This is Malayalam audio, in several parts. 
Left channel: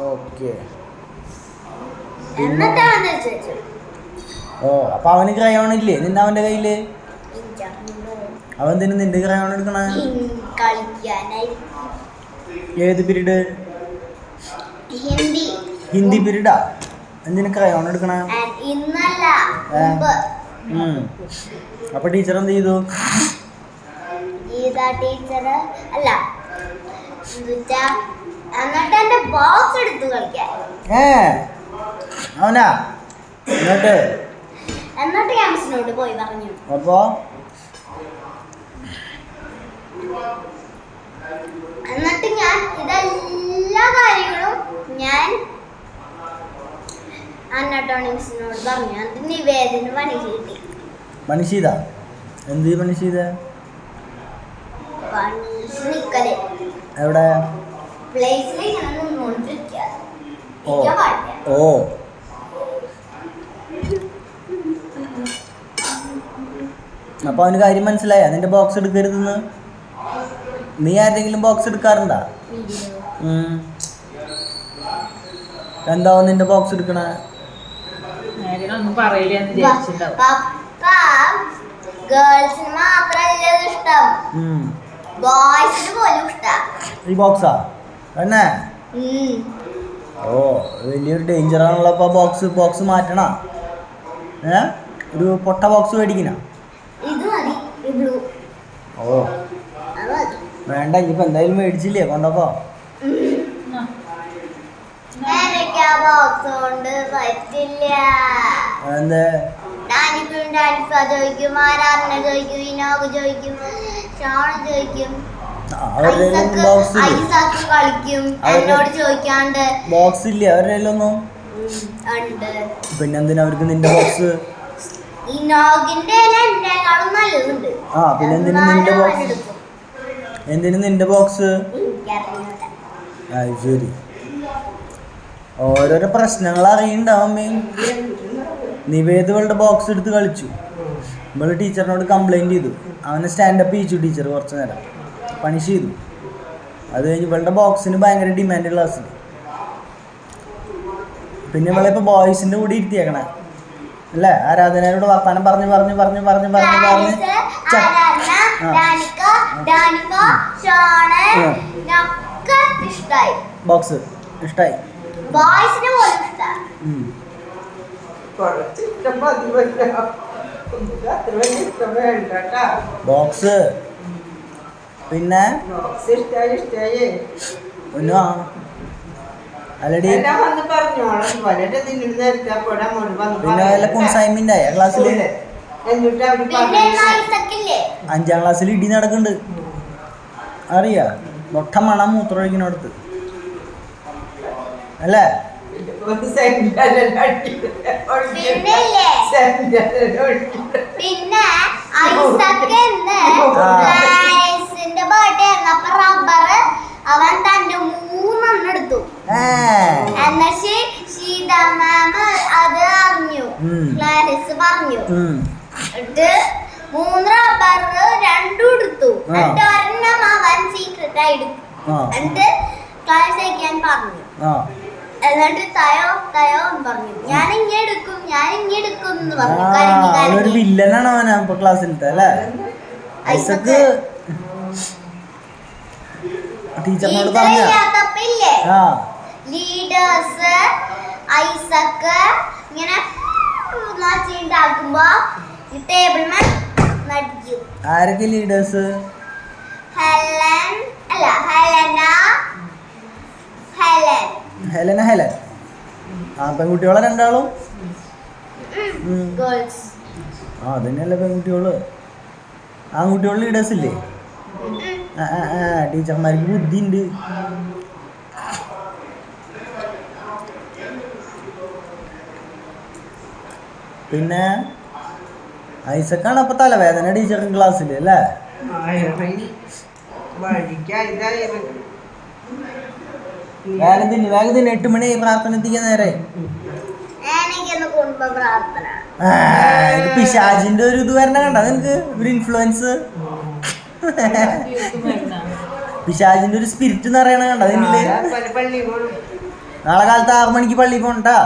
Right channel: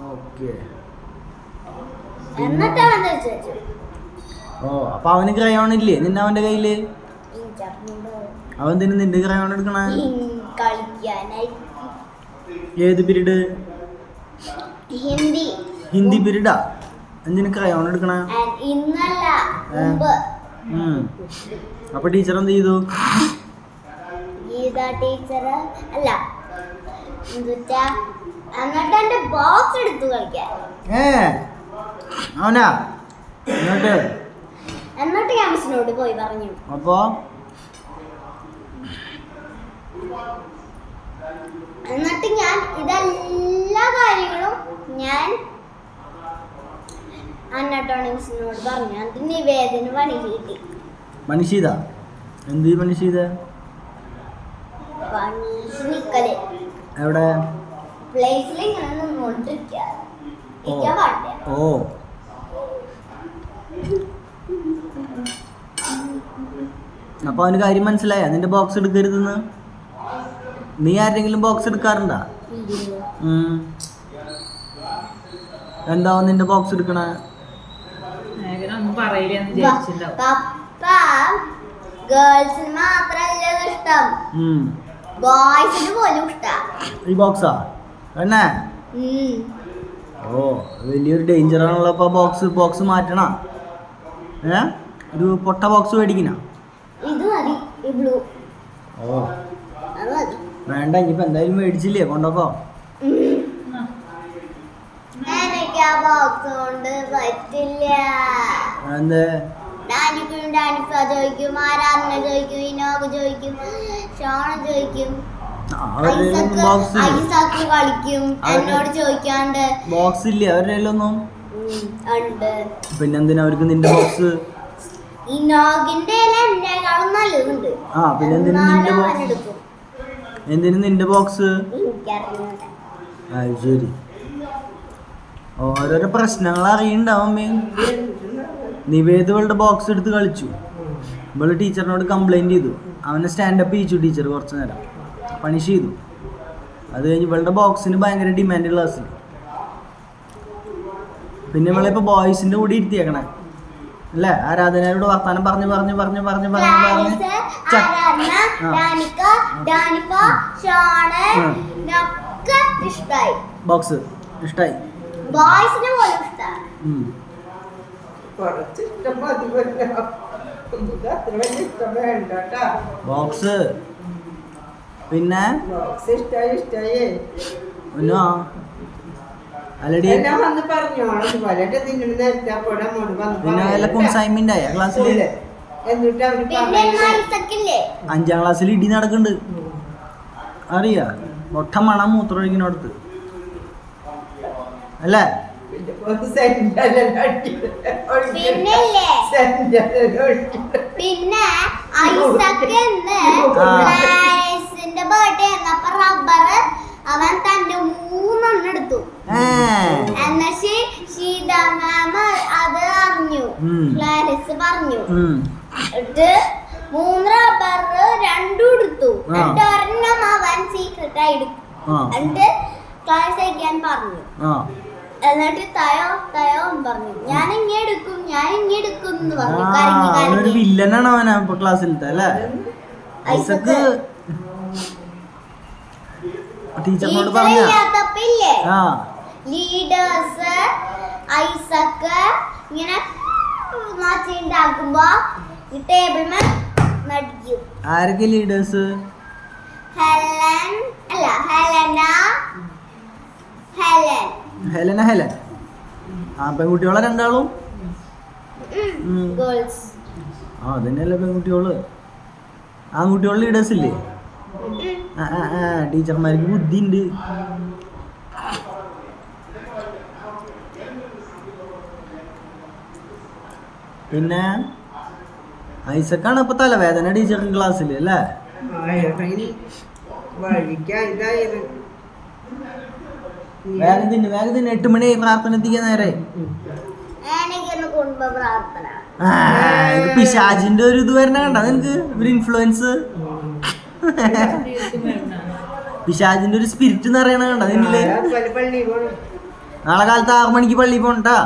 ഓക്കെ. എന്നിട്ട് അവൻ ചോദിച്ചു, ഓ അപ്പൊ അവന് ക്രയോൺ ഇല്ലേ നിന്റെ അവന്റെ കയ്യില്? അവൻ തന്നെ നിന്റെ ക്രയോൺ എടുക്കണ കളിക്കാനായി. ഏത് പീരീഡ്? ഹിന്ദി. ഹിന്ദി പീരീഡാ? എന്തിനു ക്രയോൺ എടുക്കണ? ഇന്നല്ല മുമ്പ്. അപ്പൊ ടീച്ചർ എന്ത് ചെയ്തു? ഗീത ടീച്ചർ അല്ല എന്നിട്ട് എന്റെ ബോക്സ് എടുത്തു കളിക്കാൻ. അവനാ? എന്നിട്ട് ഞാൻ മിസ്സിനോട് പോയി പറഞ്ഞു. അപ്പൊ എന്നിട്ട് ഞാൻ ഇതെല്ലാ കാര്യങ്ങളും ഞാൻ അന്നട്ടോണിക്സിനോട് പറഞ്ഞു. എന്നിട്ട് നിവേദന പണി കിട്ടി. പണി ചെയ്ത? എന്ത് പണി ചെയ്ത? നിക്കല് എവിടെ? പ്ലേസിൽ ഇങ്ങനെ നിന്നോണ്ടിരിക്കുക. ഓ അപ്പൊ അവന് കാര്യം മനസ്സിലായ നിന്റെ ബോക്സ് എടുക്കരുതെന്ന്? നീ ആരെങ്കിലും ബോക്സ് എടുക്കാറുണ്ടാ? എന്താവും നിന്റെ ബോക്സ് എടുക്കണ? ഗേൾസിന് മാത്രല്ല ഇഷ്ടം, ബോയ്സിന് പോലും ഇഷ്ടം ഈ ബോക്സാ തന്നെ? ഓ വലിയൊരു ഡേഞ്ചർ ആണല്ലോ. അപ്പൊ ബോക്സ് മാറ്റണ? ഒരു പൊട്ട ബോക്സ് മേടിക്കണ? ഇത് മതി, ബ്ലൂ. ഓ വേണ്ട, ഇനിയിപ്പോ എന്തായാലും മേടിച്ചില്ലേ, കൊണ്ടോക്കോ. എനിക്ക് ആ ബോക്സ് കൊണ്ട് പറ്റില്ല. എന്തേ? ഡാനിക്ക ചോദിക്കും, ആരാധന ചോദിക്കും, വിനോദ് ചോദിക്കും, ഷോണ ചോദിക്കും, ഐസക്ക് കളിക്കും, എന്നോട് ചോദിക്കാണ്ട്. ബോക്സ് ഇല്ലേ അവരുടെ കയ്യിലൊന്നും? ഉണ്ട്. പിന്നെന്തിനാ അവർക്ക് നിന്റെ ബോക്സ്? ഇനോഗിന്റെ എന്നെക്കാളും നല്ലതുണ്ട്. പിന്നെ എന്തിനു നിന്റെ ബോക്സ്? ശരി, ഓരോരോ പ്രശ്നങ്ങൾ അറിയണ്ടാവും. നിവേദവളുടെ ബോക്സ് എടുത്ത് കളിച്ചു. ഇവള് ടീച്ചറിനോട് കംപ്ലൈന്റ് ചെയ്തു. അവനെ സ്റ്റാൻഡപ്പ് ചെയ്യിച്ചു ടീച്ചർ കുറച്ചു നേരം, പണിഷ് ചെയ്തു. അത് കഴിഞ്ഞ് ഇവളുടെ ബോക്സിന് ഭയങ്കര ഡിമാൻഡ് ക്ലാസ്. പിന്നെ ഇവളിപ്പോ ബോയ്സിന്റെ കൂടെ ഇരുത്തിയേക്കണേ അല്ലേ? ആരാധനയോട് വർത്താനം പറഞ്ഞു ബോക്സ് ഇഷ്ടായി. ബോക്സ് പിന്നെ അല്ലടി പിന്നെ വല്ല കുൺസായ്മണ്ടായ ക്ലാസ്സില്? 5ാം ക്ലാസ്സിൽ ഇടി നടക്കുന്നുണ്ട് അറിയാ? മൊട്ട മണം മൂത്രമൊഴിക്കുന്നിടത്ത് അല്ലേ? പിന്നെ അവൻ തന്റെ 3 എടുത്തു. എന്നിട്ട് സീത മാം അത് അറിഞ്ഞു, ക്ലാരിസ് പറഞ്ഞു. എന്നിട്ട് 3 റബ്ബർ 2 എടുത്തു. എന്നിട്ട് ഒരെണ്ണം അവൻ സീക്രട്ട് ആയി എടുത്തു. എന്നിട്ട് ക്ലാസ് അയക്കാൻ പറഞ്ഞു. എന്നിട്ട് തയോ പറഞ്ഞു, ഞാൻ ഇങ്ങനെ എടുക്കും എന്ന് പറഞ്ഞു. വില്ലനാണ് അവനാ ക്ലാസ്സിലത്തെ അല്ലേ? ഐസക്ക് ടീച്ചറിനോട് പറഞ്ഞു ലീഡേഴ്സ് ഐസക്ക് ഇങ്ങനെ ഉണ്ടാക്കുമ്പോ ടേബിൾ നടിക്കും. ആരൊക്കെ ലീഡേഴ്സ്? ഹെലൻ പെൺകുട്ടികളെ രണ്ടാളും? അതന്നെയല്ലേ പെൺകുട്ടികള്. ആൺകുട്ടികള് ലീഡേഴ്സ് ഇല്ലേ? ടീച്ചർമാർക്ക് ബുദ്ധി ഉണ്ട്. പിന്നെ ഐസക്കാണ് അപ്പൊ തലവേദന ടീച്ചറിന്റെ ക്ലാസ്സിൽ അല്ലേ? വേഗം തിന്നു 8 മണിയായി, പ്രാർത്ഥന എത്തിക്കാൻ നേരെ. ഇത് പിശാചിന്റെ ഒരു ഇത് വരണ കണ്ട നിനക്ക്? ഒരു ഇൻഫ്ലുവൻസ്, പിശാചിന്റെ ഒരു സ്പിരിറ്റ് എന്ന് പറയണ കണ്ട നിന്നില്? നാളെ കാലത്ത് 6 മണിക്ക് പള്ളിയിൽ പോകണ്ടാ.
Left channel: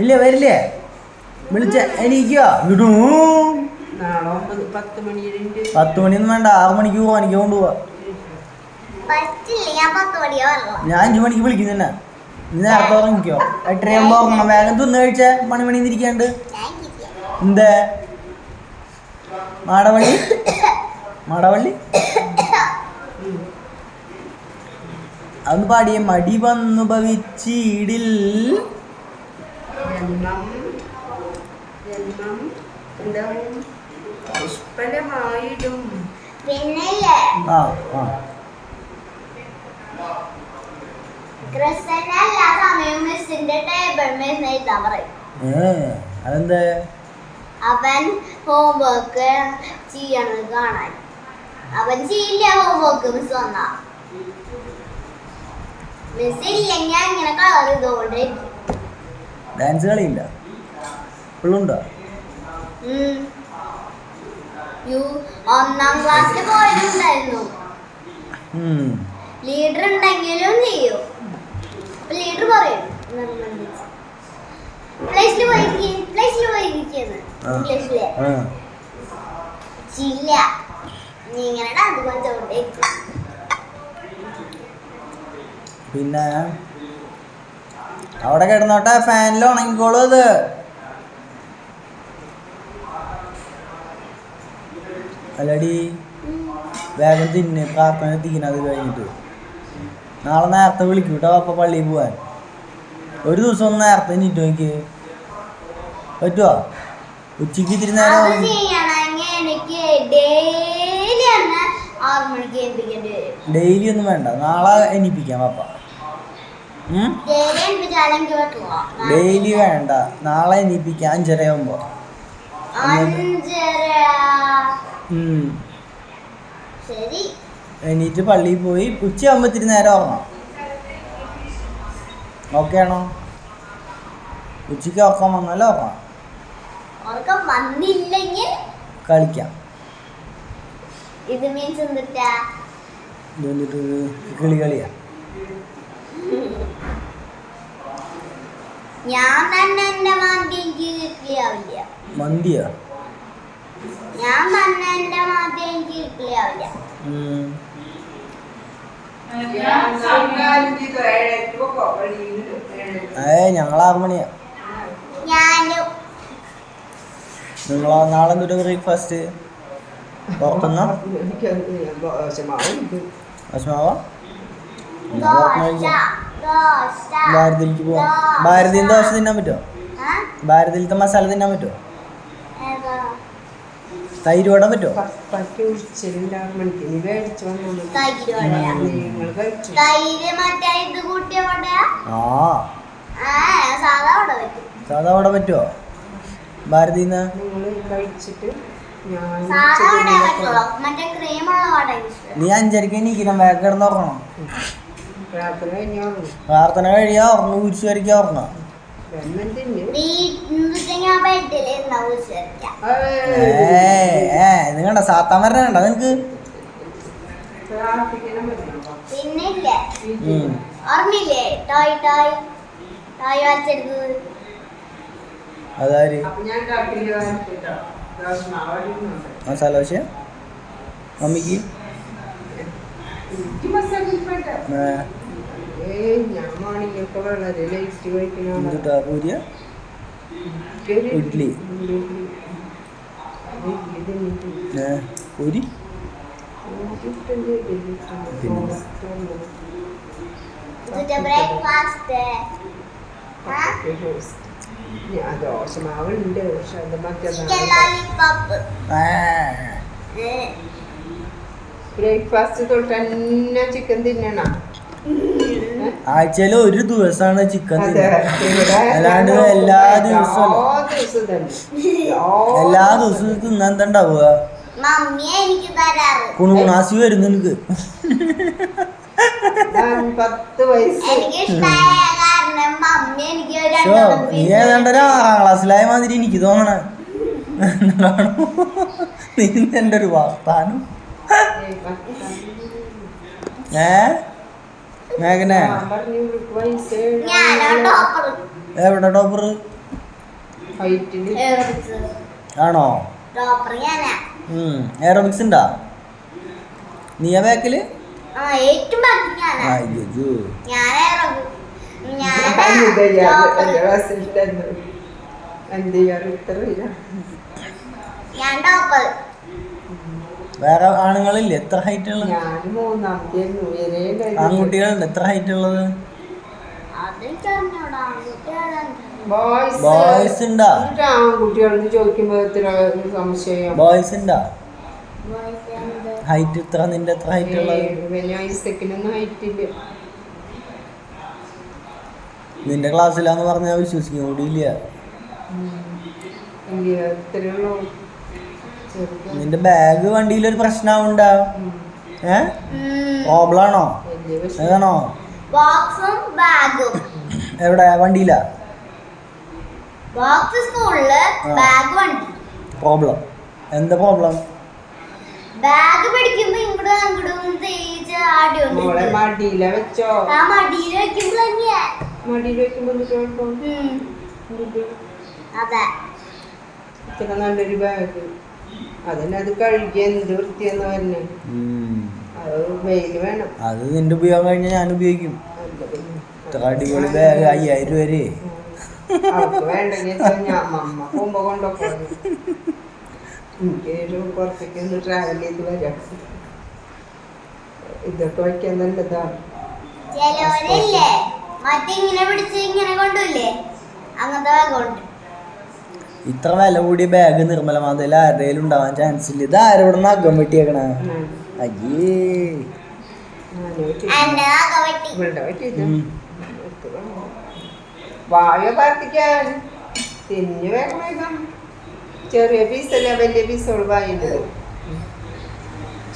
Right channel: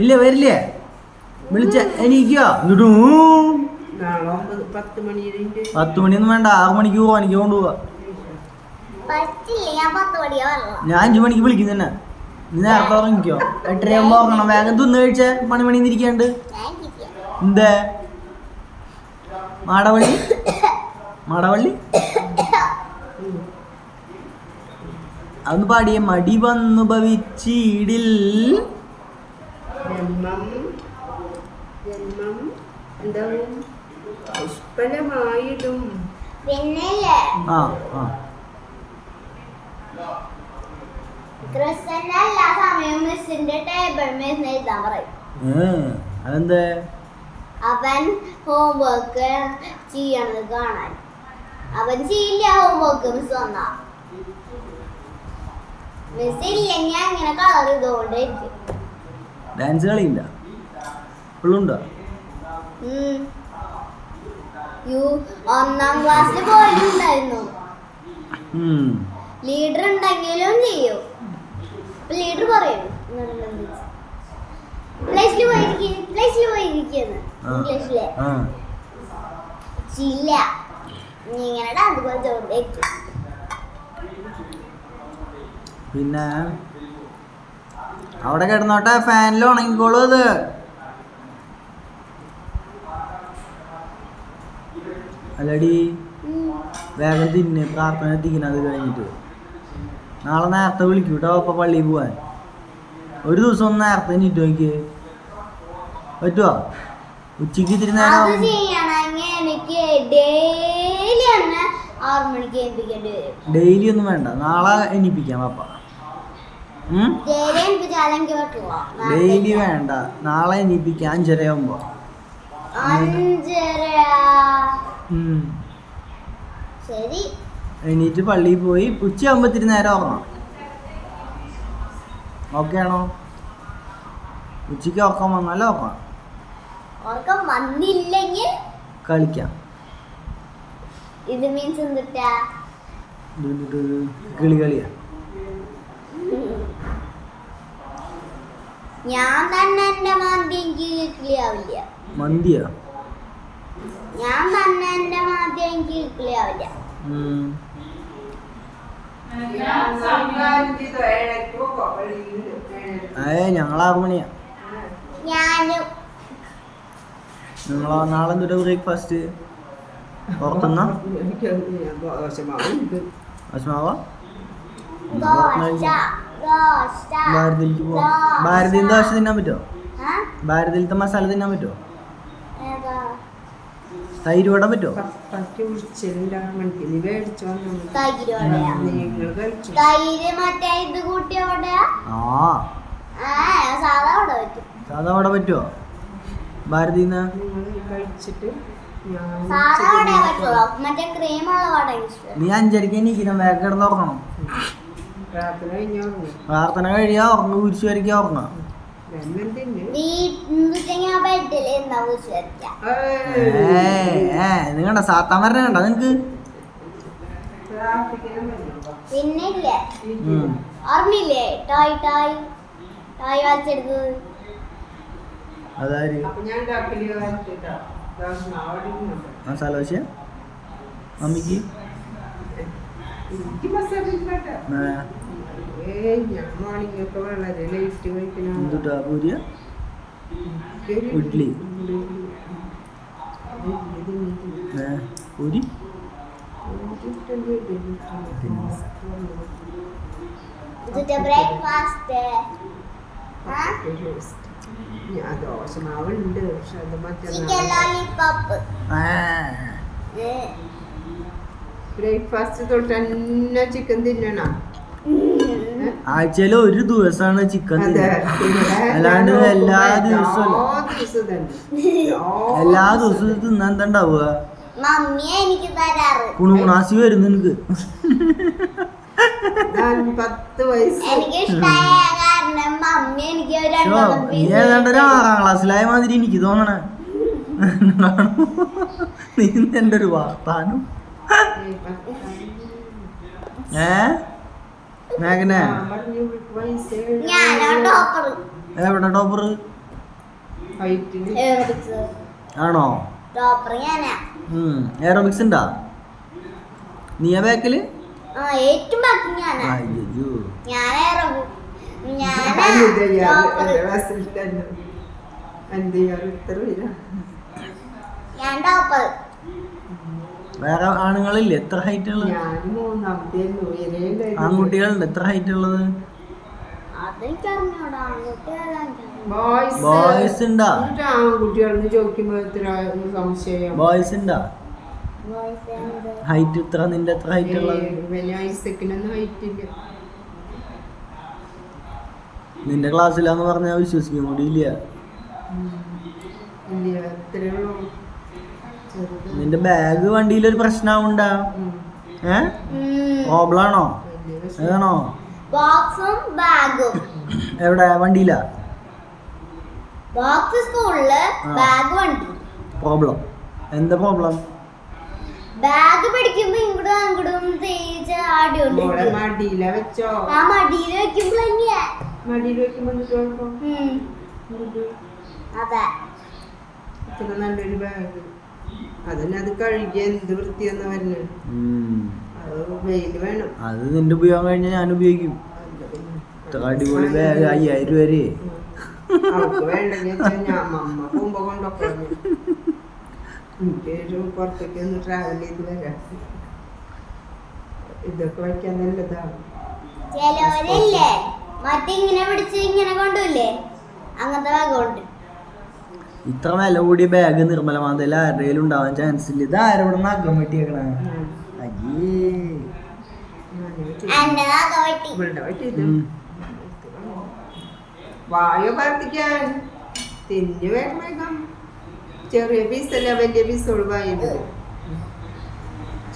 ഇല്ലേ വരില്ലേ? വിളിച്ച എനിക്കോ ഇങ്ങോട്ട് നാളെ 10 മണിയിലുണ്ട്. 10 മണിയൊന്നും വേണ്ട, 6 മണിക്ക് പോവാ. എനിക്ക് കൊണ്ടുപോവാ. പറ്റില്ല, ഞാൻ 10 മണിയാ വരണം. ഞാൻ 5 മണിക്ക് വിളിക്കും തന്നെ. നീ നേരത്തെ ഉറങ്ങിക്കോ. 8:30 ഉറങ്ങണം. വേഗം തിന്നു കഴിച്ച പണിയിരിക്കാണ്ട്. ഞാൻ ഇരിക്കാം. എന്താ മാടവള്ളി അതൊന്ന് പാടിയ മടി വന്നു ഭവിച്ചിടിൽ ജന്മം എന്താവും നിഷ്ഫലമായിടും. പിന്നില്ലേ ആ ആ ക്രിസ്ത്യൻ എല്ലാ സമയവും മിസ്സിന്റെ ടേബിൾ മിസ് എഴുതാൻ പറയും. അതെന്താ? അവൻ ഹോംവർക്ക് ചെയ്യണത് കാണാൻ. അവൻ ചെയ്യില്ല ഹോംവർക്ക് മിസ് വന്നാ. മിസ് ഇല്ലെങ്കിൽ ഇങ്ങനെ കളർ ചെയ്തോണ്ടിരിക്കും. ഡാൻസ് കളിയില്ല ഇപ്പോഴുണ്ടോ? ഒന്നാം ക്ലാസ്സിൽ പോയിട്ടുണ്ടായിരുന്നു. ലീഡർ ഉണ്ടെങ്കിലും ചെയ്യും. അപ്പൊ ലീഡർ പറയും നിർബന്ധിച്ച് പ്ലേസിൽ പോയിരിക്കുന്നു ഇംഗ്ലീഷിലെ ചില്ല നീ ഇങ്ങനെ ഡാൻസ് കളിച്ചോണ്ടിരിക്കും. പിന്നെ അവിടെ കിടന്നോട്ടെ, ഫാനിൽ ഉണങ്ങിക്കോളൂ. അത് അല്ലടി വേഗം തിന്ന്, പ്രാർത്ഥന എത്തിക്കണം. അത് കഴിഞ്ഞിട്ട് നാളെ നേരത്തെ വിളിക്കും കേട്ടോ അപ്പൊ പള്ളിയിൽ പോവാൻ. ഒരു ദിവസം ഒന്ന് നേരത്തെ എണീറ്റ് നോക്കി പറ്റുമോ? ഉച്ചക്ക് ഇത്തിരി നേരം അത് ചെയ്യണമെങ്കിൽ എനിക്ക് ഡെയിലി തന്നെ 6 മണിക്ക് എത്തിക്കേണ്ടി വരും. ഡെയിലി ഒന്നും വേണ്ട, നാളെ എണീപ്പിക്കാം പാപ്പ. ഡെയിലി എണിപ്പിച്ചാലെങ്കിൽ പറ്റുമോ? ഡെയിലി വേണ്ട, നാളെ എണീപ്പിക്കാം 5:30 ആകുമ്പോ. 5:30. ശരി. എണീറ്റ് പള്ളിയിൽ പോയി ഉച്ചയാകുമ്പോൾ ഇത്തിരി നേരം ഉറങ്ങാം. ഓക്കെ ആണോ? ഉച്ചയ്ക്ക് ഉറക്കം വന്നാലേ ഉറങ്ങാം. ഉറക്കം വന്നില്ലെങ്കിൽ കളിക്കാം. ഇത് മീൻസ് എന്തിട്ടാ? കളിയാ. ഞാൻ തന്നെ എന്റെ മന്തി എനിക്ക് കിട്ടിയാവില്ല. മന്തിയോ? ഞാൻ തന്നെ എന്റെ മന്തി എനിക്ക് കിട്ടിയാവില്ല. ഞങ്ങൾ 6 മണിയാ. ഞാനും നിങ്ങളോ? നാളെ എന്തൊരു ബ്രേക്ക്ഫാസ്റ്റ് പുറത്തുനിന്നോ? ഭക്ഷണമാവാ ഭാരതിയിലേക്ക് പോവാം. ഭാരതിയിൽ ദോശ തിന്നാൻ പറ്റുമോ? ഭാരതിയിലത്തെ മസാല തിന്നാൻ പറ്റുമോ? തൈര് വട പറ്റുമോ? തൈര് മറ്റേ ഇത് കൂട്ടിയ വടയാ? സാധാ വട പറ്റും. സാധാ വട പറ്റുമോ ഭാരതിന്ന്? സാധാ വട പറ്റുള്ളൂ. മറ്റേ ക്രീമുള്ള വട ഇഷ്ടം. നീ 5:30 എണീക്കണം, വേഗം കിടന്ന് ഉറങ്ങണം. പ്രാർത്ഥന കഴിയാ ഉറങ്ങും, കുരിശ് വരയ്ക്കാ ഉറങ്ങാം. ഇത് കണ്ട സാത്താൻ വരണ കണ്ട നിനക്ക്? പിന്നില്ലേ ഓർമ്മയില്ലേ ടോയ് ടോയ് ടോയ് വായിച്ചെടുക്കുന്നത്? അതാര്? മസാല ദോശ മമ്മിക്ക്? എന്തുട്ടാ പൂരിയ ഇഡ്ലി? പൂരി ബ്രേക്ക്ഫാസ്റ്റ് ദോശമാവുണ്ട്, പക്ഷെ അത് ചിക്കൻ ലോലിപോപ്പ്. ബ്രേക്ക്ഫാസ്റ്റ് തൊട്ട് തന്നെ ചിക്കൻ തിന്നണം. ആഴ്ചയിൽ ഒരു ദിവസമാണ് ചിക്കൻ അല്ലാണ്ട് എല്ലാ ദിവസവും തിന്നാൻ എന്താ ഉണ്ടാവുക? മമ്മിയെ എനിക്ക് തരാറ്. കുണുകുണാസി വരുന്നു നിനക്ക്. 10 വയസ്സ് എനിക്ക് ഇഷ്ടമായ കാരണം മമ്മി എനിക്ക് നീ ഏതാണ്ട് ഒരു 6ാം ക്ലാസ്സിലായ മാതിരി എനിക്ക് തോന്നണ. നീ എൻ്റെ ഒരു വാർത്താനം. മേഘനെ ഞാൻ പറഞ്ഞു ഇവൾക്ക് വയസ്സ് ഞാനാ ടോപ്പർ എവിടെ ടോപ്പർ ഹൈറ്റില് എയറോബിക്സ് ആണോ? ടോപ്പർ ഞാനാ. എയറോബിക്സ് ഉണ്ടാ? നീയാ ബാക്കില്? ആ ഏറ്റവും ബാക്കി ഞാനാ. അയ്യോ ഞാൻ എയറോബിക്സ് ഞാനാ ടോപ്പർ. ഞാൻ ടോപ്പർ. വേറെ ആണുങ്ങളില്ലേ? എത്ര ഹൈറ്റ് ഉള്ളത്? ഞാൻ മൂന്നാമത്തെ ആൺകുട്ടികളുണ്ട് എത്ര ഹൈറ്റ് ഉള്ളത്? അതെനിക്കറിഞ്ഞൂടാ. ആൺകുട്ടികളാണ്. ബോയ്സ് ഉണ്ടാ? ആൺകുട്ടികളെന്ന് ചോദിക്കുമ്പോ എത്ര സംശയം. ബോയ്സ് ഉണ്ടാ? Boys and ഹൈറ്റ് ഇത്ര? നിന്റെ എത്ര ഹൈറ്റ് ഉള്ളത്? പിന്നെ ഐസക്കിനൊന്നും ഹൈറ്റില്ല. നിന്റെ ക്ലാസ്സിലാന്ന് പറഞ്ഞാൽ വിശ്വസിക്കും കൂടിയില്ല. എത്രയുള്ളൂ നിന്റെ ബാഗ് വണ്ടിയിലൊരു പ്രശ്നമാവുണ്ടാ? പ്രോബ്ലം ആണോ? അതാണോ? ബോക്സും ബാഗും. എവിടെ? വണ്ടിയിലാ? ബോക്സ് സ്കൂളില്, ബാഗ് വണ്ടി. പ്രോബ്ലം എന്താ പ്രോബ്ലം? ബാഗ് പിടിക്കുമ്പോ ഇങ്ങോട്ടും അങ്ങോട്ടും തേച്ച് ആടിയോണ്ട് മടിയില വെച്ചോ? ആ മടിയിൽ വെക്കുമ്പോ തന്നെയാ. മടിയിൽ വെക്കുമ്പോ അതെ. ഇത്ര നല്ലൊരു ബാഗ് അതന്നെ. അത് കഴുകി എന്ത് വൃത്തിയെന്ന് പറഞ്ഞു. അത് വെയിൽ വേണം. അത് നിന്റെ ഉപയോഗം കഴിഞ്ഞാൽ ഞാൻ ഉപയോഗിക്കും. ഇത്ര അടിപൊളി ബാഗ് 5000 രൂപ വരെ. അവർക്ക് വേണ്ടെങ്കിൽ ഞാൻ അമ്മ പോകുമ്പോ കൊണ്ടൊക്കെ എനിക്കൊരു പുറത്തേക്ക് ഒന്ന് ട്രാവൽ ചെയ്ത് വരാം. ഇതൊക്കെ വയ്ക്കാൻ നല്ലതാണ്. ചിലവരില്ലേ മറ്റിങ്ങനെ പിടിച്ച് ഇങ്ങനെ കൊണ്ടുല്ലേ, അങ്ങനത്തെ ബാഗ് കൊണ്ട്. ഇത്ര വില കൂടിയ ബാഗ് നിർമ്മല മാതയിൽ ആരുടെയും ഉണ്ടാവാൻ ചാൻസ് ഇല്ല. ഇത് ആരോട് നഖം വെട്ടിയേക്കണേ? അയ്യേ എന്നെ നഖം വെട്ടി. ഇവിടെ പറ്റിയത് വായോ പ്രാർത്ഥിക്കാൻ തിന്നു വേഗം വേഗം. ചെറിയ പീസല്ല, വലിയ പീസോട് വായുണ്ട്.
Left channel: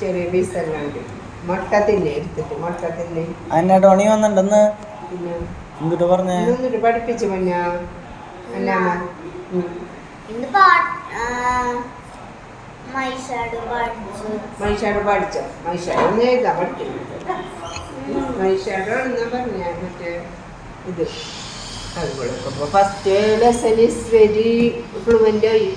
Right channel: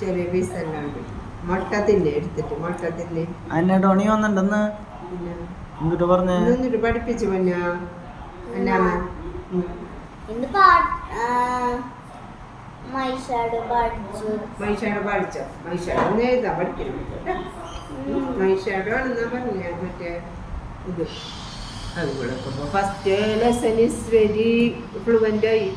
ചെറിയ പീസല്ലാണ്ട് മുട്ട തിന്നെ എടുത്തിട്ട് മുട്ട തിന്നെ. അന്നെ ടോണി വന്നിണ്ടെന്ന് പിന്നെ എന്നിട്ട് പറഞ്ഞേ? എന്നിട്ട് പഠിപ്പിച്ചു പിന്നെ എന്നാണ് ഇന്ന് മൈഷാട് പഠിച്ചു. മൈഷാട് പഠിച്ച മൈഷാട് ഒന്ന് എഴുതാൻ പഠിക്കുന്നു. മൈഷാട് എന്നാ പറഞ്ഞ മറ്റേ ഇത് അതുപോലെ first lesson is very fluent ആയി.